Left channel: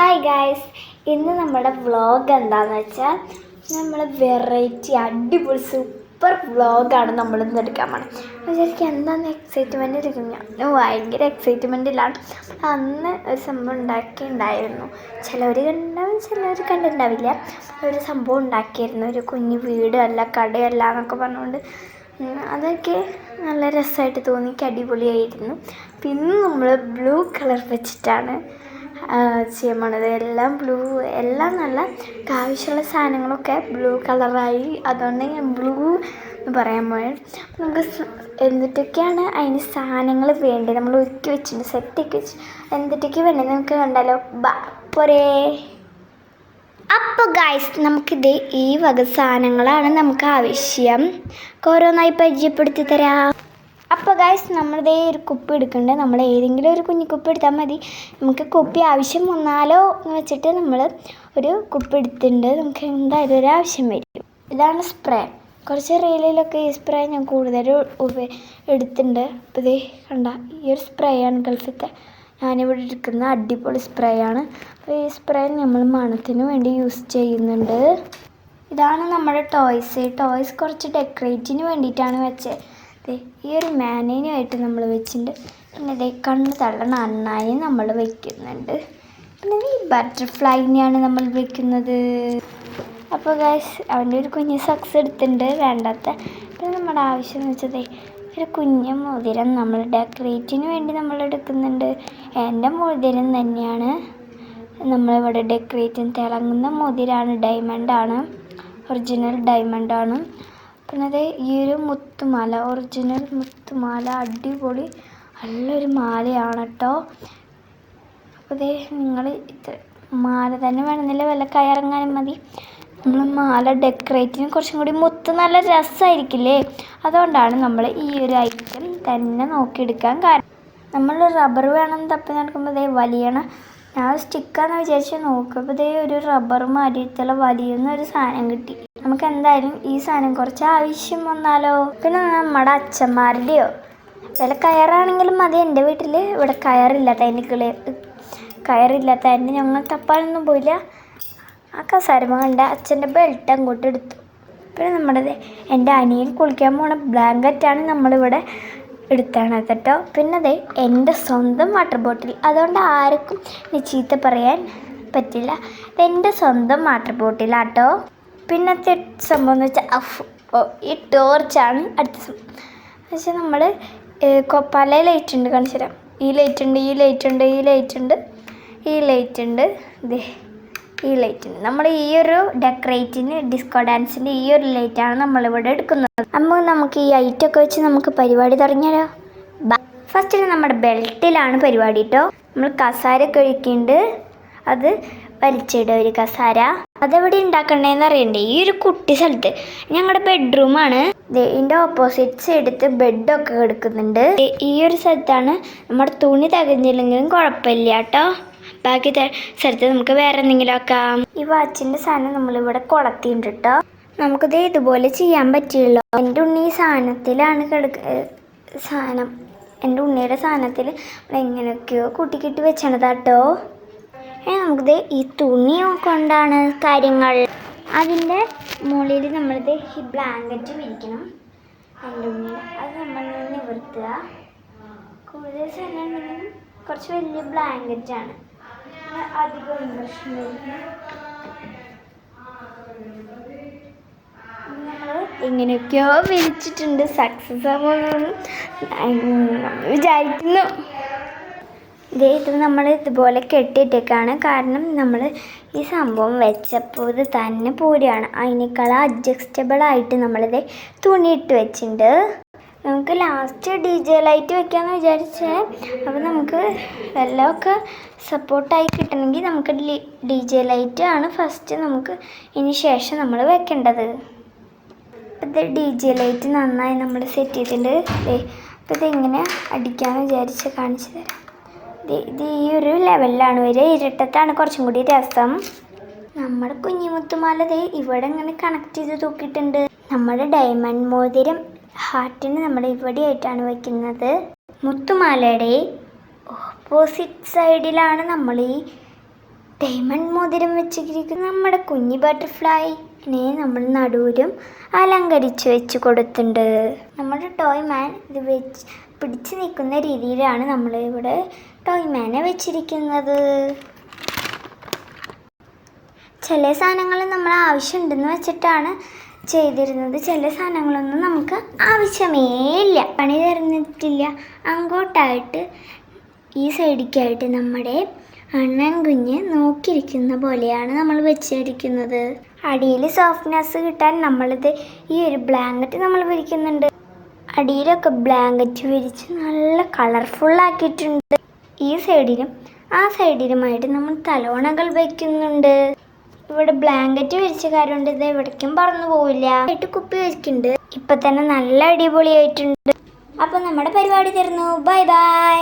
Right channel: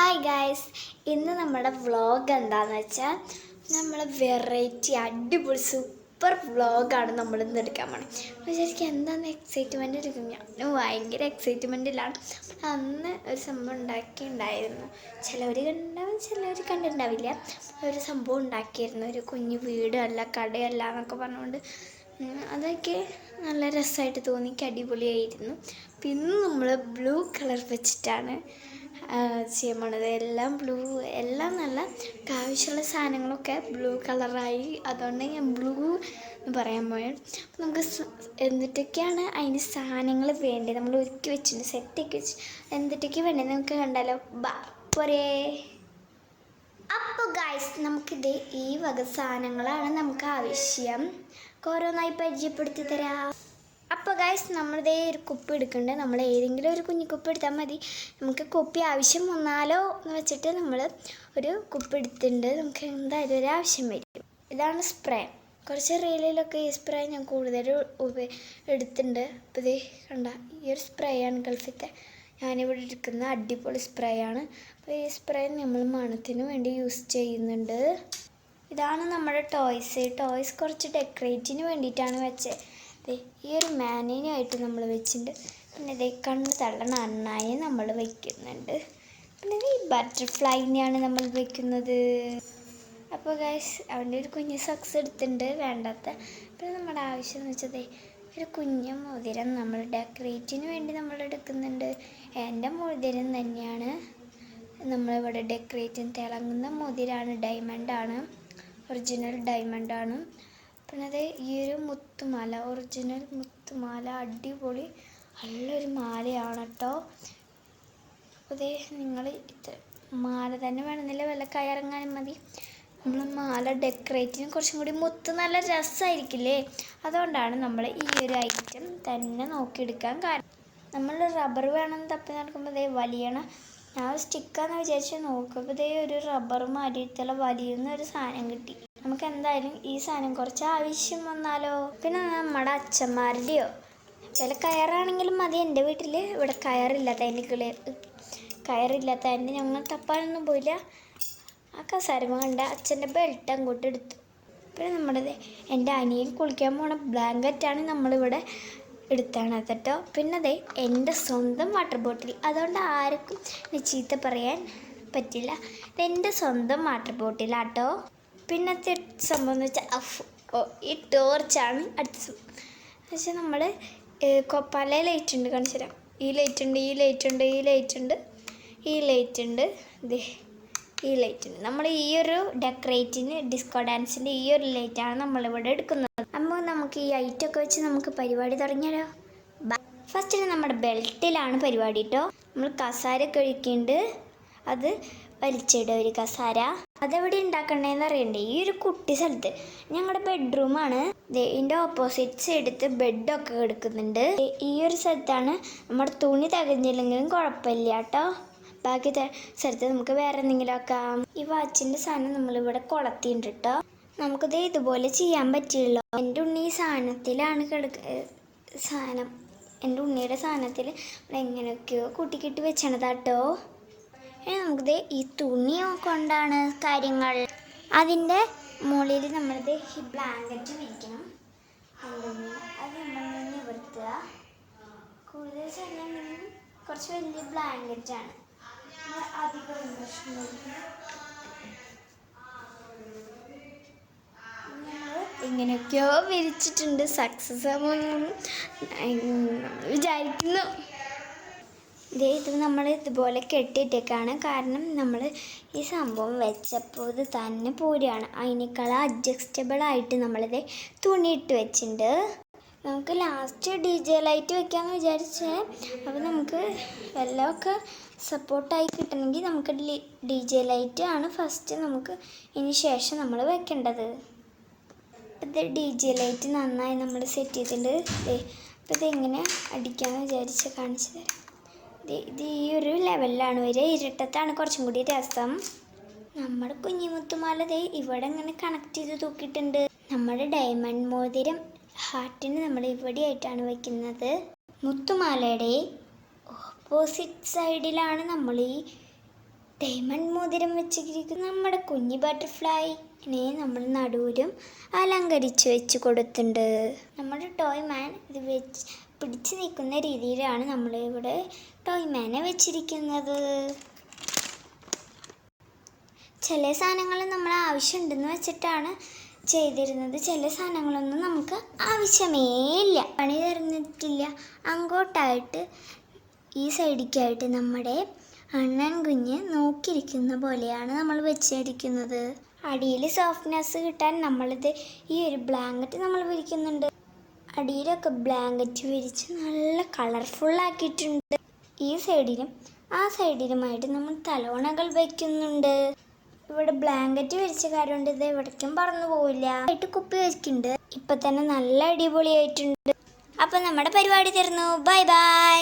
Hi guys, ഇന്ന് നമ്മുടെ vlog എന്താണെന്ന് വെച്ചാൽ നമ്മൾ വെറൈറ്റി അടിപൊളി സൂപ്പർ വ്ളോഗാണ് നമ്മൾ ഇന്ന് എടുക്കാൻ പോകണം. വിചാരിക്കും എന്താണെന്ന് എക്സൈറ്റ്മെൻ്റ് എടുക്കും. ഞാൻ ഭയങ്കര എക്സൈറ്റ്മെൻറ്റിലാണ്. അന്ന് ഒരു സംഭവം ഉണ്ടാക്കിയിട്ടുണ്ടായിരുന്നു. ചിലവർ കണ്ടാവും, ചിലവർ കണ്ടിട്ടുണ്ടാവില്ല. ഒരു സംഭവം ഉണ്ടാക്കിയിരുന്നു, ഒരു കുഞ്ഞു വീടല്ല കടയല്ല എന്നൊക്കെ പറഞ്ഞുകൊണ്ട്. അതൊക്കെ നല്ല രസമായിട്ട് തോന്നി, അടിപൊളിയായിരുന്നു. പിന്നെ നമ്മൾ ബ്ലൂ കളർ വെച്ചിട്ടാണ് ചെയ്യാൻ പോണത്. എല്ലാം ബ്ലൂ, എല്ലാം നല്ല ആവശ്യമുള്ള സാധനങ്ങളൊക്കെ ബ്ലൂ കളറായി. അതുകൊണ്ട് ഞാൻ ബ്ലൂ എന്ന് പറയാൻ പോയത്. നമുക്ക് എന്തിട്ടൊക്കെയാണ് അതിന് സാധനങ്ങൾ വേണ്ടത് നമ്മൾ ഒരുക്കി വെച്ചിട്ടുണ്ട്, സെറ്റൊക്കെ വെച്ച് എന്തിട്ടൊക്കെ വേണ്ടത് നമുക്ക് കണ്ടാലോ. പോരേ. അപ്പോൾ ഗായ്സ്, നമുക്കിത് ഈ വക സാധനങ്ങളാണ് നമുക്ക് ആവശ്യം. ഓരോന്നായി പരിചയപ്പെടുത്തി തരാം. അപ്പോൾ ഗായ്സ്, നമ്മളിതേ ഒരു കുപ്പി എടുക്കുന്നുണ്ട്. നമ്മൾ ഏതെങ്കിലും ഒരു കുഞ്ഞു കുപ്പി എടുത്താൽ മതി. നമുക്ക് കുപ്പി ആവശ്യം വന്നാലോ എന്ന് വെച്ചിട്ട് നമ്മൾ ഒരു കുപ്പി എടുത്തിട്ടുണ്ട്. നമുക്ക് എന്തായാലും ഒരു ആവശ്യം വരും. ഇതാണ് സ്പ്രേ. കുറച്ച് റീലിലൊക്കെ ഈ സ്പ്രേ ഞാൻ കൂടുതൽ എടുത്തിട്ടുണ്ട്. അപ്പോൾ ഇതേ കണ്ട, ഈ ഒരു സ്പ്രേ ആണ് ഗൾഫിലത്തെ ഞാനിവിടെ എടുക്കുന്ന അടിപൊളി സ്പ്രേ ആണ്. അപ്പോൾ ഈ സ്പ്രേ നമ്മൾ മണത്തിന് വേണ്ടി യൂസ് ചെയ്യുന്നുണ്ട്. ഇതാണ് നമ്മുടെ ടോയ്സ് കുറച്ച് ഡെക്കറേറ്റിന് വേണ്ടിയിട്ടാണ് വെച്ചത്. ഈ ഒരു മാനേനുമായിട്ട് നമ്മൾ വെച്ചിട്ടുണ്ട്. പിന്നെ ഇതേ കണ്ണ് തള്ളണ അണ്ണായി നമ്മൾ വയ്ക്കുന്നുണ്ട്. പിന്നെ ഈ ബട്ടർഫ്ലൈനെയാണ് നമ്മൾ വെക്കുന്നത്. അപ്പോൾ ഗൈസ്, അവൻ്റെ ഒരു കുഞ്ഞ് സക്സ് എടുത്തിട്ടുണ്ട്, വേണ്ടാത്ത. പിന്നെ നമ്മുടെ ആവശ്യം എന്ന് വെച്ചത് ഒരു കുഞ്ഞ് മോതിരം നമ്മൾ ഡെക്കറേറ്റിന് വേണ്ടി നമ്മൾ എടുക്കുന്നുണ്ട്. എൻ്റെ മോതിരം തന്നെയാണ് നമ്മളിവിടെ ഡെക്കറേറ്റിന് തിളങ്ങുന്ന മോതിരമാണ്, ഡയമണ്ടാണ്, ഒറിജിനൽ ഡയമണ്ടാണ്. പിന്നെ അത് ഈ ഒരു മുത്തുമാല, ഒറിജിനൽ മുത്തുമാല, അടിപൊളി നല്ലൊരു മാലയാണ് കേട്ടോ. അപ്പോൾ ഇതേ നിങ്ങൾ ഇത് മാല തന്നെ വേണമെന്നില്ല, വല്ല കയറങ്ങാനും മതി. നമ്മൾ മാല ഡെക്കറേറ്റിന് കുറച്ചും കൂടി മുത്ത് നല്ല രസമായിരിക്കില്ലേ, അതുകൊണ്ടാണ് നമ്മൾ ഈ ഒരു ഐറ്റം തന്നെ നോക്കിയെടുക്കാൻ കാരണം. നമ്മൾ റബ്ബർ വേണം തപ്പി നടക്കുമ്പോൾ ഇതേ വലിയണം. ഞാൻ സ്റ്റിക്കാന്ന് വിചാരിച്ച് നോക്കുമ്പോൾ ഇതേ ഒരു റബ്ബർ മാറ്റിയിട്ടുള്ള വലിയൊരു സാധനം കിട്ടി. നമുക്ക് എന്തായാലും ഈ സാധനം കുറച്ച് ആവശ്യം വന്നാലോ. പിന്നെ നമ്മുടെ അച്ഛന്മാരുടെയോ വില കയറാണെങ്കിലും മതി. എൻ്റെ വീട്ടിൽ ഇവിടെ കയറില്ലാത്തതിന് ഞങ്ങൾ തപ്പാനൊന്നും പോയില്ല. ആ കസാരമ കണ്ട അച്ഛൻ്റെ ബെൽറ്റ് അങ്ങോട്ട് എടുത്തു. പിന്നെ നമ്മുടെ എൻ്റെ അനിയൻ കുളിക്കാൻ പോണ ബ്ലാങ്കറ്റാണ് നമ്മളിവിടെ എടുത്താണ് കേട്ടോ. പിന്നെ അതെ എൻ്റെ സ്വന്തം വാട്ടർ ബോട്ടിൽ, അതുകൊണ്ട് ആർക്കും ചീത്ത പറയാൻ പറ്റില്ല. ഇതെൻ്റെ സ്വന്തം വാട്ടർ ബോട്ടിലാട്ടോ. പിന്നത്തെ സംഭവം എന്ന് വെച്ചാൽ ഈ ടോർച്ചാണ് അടുത്ത സംഭവം. എന്ന് വെച്ചാൽ നമ്മൾ പല ലൈറ്റ് ഉണ്ട്, കാണിച്ചു തരാം. ഈ ലൈറ്റ് ഉണ്ട്, ഈ ലൈറ്റ് ഉണ്ട്, ഈ ലൈറ്റ് ഉണ്ട്, ഈ ലൈറ്റ് ഉണ്ട്, ഈ ലൈറ്റ് ഉണ്ട്. നമ്മൾ ഈ ഒരു ഡെക്കറേറ്റിന് ഡിസ്കോ ഡാൻസിൻ്റെ ഈ ഒരു ലൈറ്റാണ് നമ്മളിവിടെ എടുക്കുന്നത്. അപ്പോൾ നമുക്ക് ഈ ലൈറ്റൊക്കെ വെച്ച് നമുക്ക് പരിപാടി തുടങ്ങിയാലോ. ഫസ്റ്റിന് നമ്മുടെ ബെൽറ്റിലാണ് പരിപാടി കേട്ടോ. നമ്മൾ കസാര കഴിക്കുന്നുണ്ട്, അത് വലിച്ചിടുക ഒരു കസാര. അതെവിടെ ഉണ്ടാക്കണ്ടേന്ന് അറിയണ്ടേ. ഈ ഒരു കുട്ടി സ്ഥലത്ത് ഞങ്ങളുടെ ബെഡ്റൂമാണ്. ഇതിൻ്റെ ഓപ്പോസിറ്റ് സൈഡത്ത് ബെഡൊക്കെ കിടക്കുന്നുണ്ട്. ഈ ഒരു സ്ഥലത്താണ് നമ്മുടെ തുണി തികഞ്ഞില്ലെങ്കിലും കുഴപ്പമില്ല കേട്ടോ. ബാക്കി സ്ഥലത്ത് നമുക്ക് വേറെ എന്തെങ്കിലും ആക്കാം. ഈ വാച്ചിൻ്റെ സാധനം നമ്മളിവിടെ കൊളത്തിണ്ട് കേട്ടോ. നമുക്കിത് ഇതുപോലെ ചെയ്യാൻ പറ്റിയല്ലോ. എൻ്റെ ഉണ്ണി ഈ സാധനത്തിലാണ് എൻ്റെ ഉണ്ണിയുടെ സാധനത്തിൽ എങ്ങനെയൊക്കെയോ കൂട്ടിക്കിട്ടി വെച്ചണതാട്ടോ. നമുക്കിത് ഈ തുണി കൊണ്ടാണ് കാര്യങ്ങൾ. അതിൻ്റെ മുകളിൽ നമ്മളിത് ഈ ബ്ലാങ്കറ്റ് വിരിക്കണം. എൻ്റെ ഉണ്ണി അത് നമ്മൾ നിവർത്തുക. കൂടുതൽ സമയം കുറച്ച് വലിയ ബ്ലാങ്കറ്റാണ്, അധികം പ്രശ്നമില്ല. നമ്മൾ എങ്ങനെയൊക്കെയോ വിരിച്ചിട്ടുണ്ട്, സക്സസ് ആവുമെന്ന് വിചാരിക്കുന്നു. ഇത് നമ്മൾ ഇതുപോലെ കെട്ടിയിട്ടേക്കാണ്, കാരണം നമ്മൾ ഈ സംഭവം വെച്ചപ്പോൾ ഇത് തന്നെ പൂരിയാണ്. അതിനേക്കാൾ അഡ്ജസ്റ്റബിളായിട്ട് നമ്മളിത് തുണിയിട്ട് വെച്ചിട്ടുണ്ട്. നമുക്ക് ലാസ്റ്റ് DJ ലൈറ്റ് വെക്കാമെന്ന് വിചാരിച്ചേ. അപ്പോൾ നമുക്ക് വെള്ളമൊക്കെ സപ്പോർട്ടായി കിട്ടണമെങ്കിൽ നമുക്ക് DJ ലൈറ്റ് ആണ് ഫസ്റ്റ് നമുക്ക് ഇനി ശേഷം നമ്മൾ വെക്കേണ്ടത്. ഇത് DJ ലൈറ്റ് നന്നായി നമ്മൾ സെറ്റ് ചെയ്തിട്ടുണ്ട്. അപ്പോൾ ഇതെങ്ങനെ അടിക്കാമെന്ന് വിചാരിച്ച് കാണിച്ചു തരാം. ഇത് ഈ ഒരു ലെവലിലാണ് വരിക. ഇരട്ടത്താണ് കുറച്ചും കൂടി രസം. നമ്മുടെ കുഞ്ഞിമുത്തുമാല ഇവിടെ ഇങ്ങനെ കണക്ട് ചെയ്ത് തൂക്കിയിട്ടുണ്ട്. നമ്മുടെ ഡയമണ്ട് മോതിരം ഹാർട്ടിന് നമ്മൾ ഇവിടെ ആയിട്ടാണ് വയ്ക്കുന്നത്. മുത്തുമാലയുടെ ഓപ്പോസിറ്റ് സൈഡിലാണ് നമ്മൾ ഈ ഡയമണ്ട് മോതിരം വെച്ചിരിക്കുന്ന നമ്മുടെ കുഞ്ഞി ബട്ടർഫ്ലൈനെ നമ്മൾ നടുവിലും അലങ്കരിച്ച് വെച്ച് കൊടുത്തിട്ടുണ്ട്. നമ്മുടെ ടോയ് മാൻ ഇത് വെച്ച് പിടിച്ചു നിൽക്കുന്ന രീതിയിലാണ് നമ്മളിവിടെ ടോയ് മാനെ വെച്ചിരിക്കുന്നത്. ചില സാധനങ്ങൾ നമ്മൾ ആവശ്യമുണ്ടെന്ന് വെച്ചിട്ടാണ് ചെയ്തിരുന്നത്. ചില സാധനങ്ങളൊന്നും നമുക്ക് ആവശ്യമേ ഇല്ല, പണി തരുന്നിട്ടില്ല. അങ്ങോട്ടായിട്ട് ഈ സൈഡിലേക്കായിട്ട് നമ്മുടെ അണ്ണൻ കുഞ്ഞ് നോക്കിയിരിക്കുന്ന പോലെയാണ് നമ്മൾ വെച്ചിരിക്കുന്നത്. അടിയിൽ സോഫ്റ്റ്നെസ് കിട്ടാൻ നമ്മളിത് ഈ ഒരു ബ്ലാങ്കറ്റ് നമ്മൾ വിരിക്കുന്നുണ്ട്. അടിയിലൊക്കെ ബ്ലാങ്കറ്റ് വിരിച്ച് നല്ല കളർഫുള്ളാക്കിയിട്ടുണ്ട്. ഈ സൈഡിലും ആ സൈഡിലുമായിട്ട് നമ്മൾ തലോണകൾ വയ്ക്കുന്നുണ്ട്. ഇവിടെ ബ്ലാങ്കറ്റ് വിരിച്ച കാര്യം കൊണ്ട് ഇത് എവിടേക്കും പറന്നു പോവില്ല. ആയിട്ട് കുപ്പി വെച്ചിട്ടുണ്ട്. ഇപ്പം തന്നെ നല്ല അടിപൊളിയായിട്ടുണ്ട്. അപ്പം നമ്മുടെ പരിപാടി തീർന്നു. Bye bye.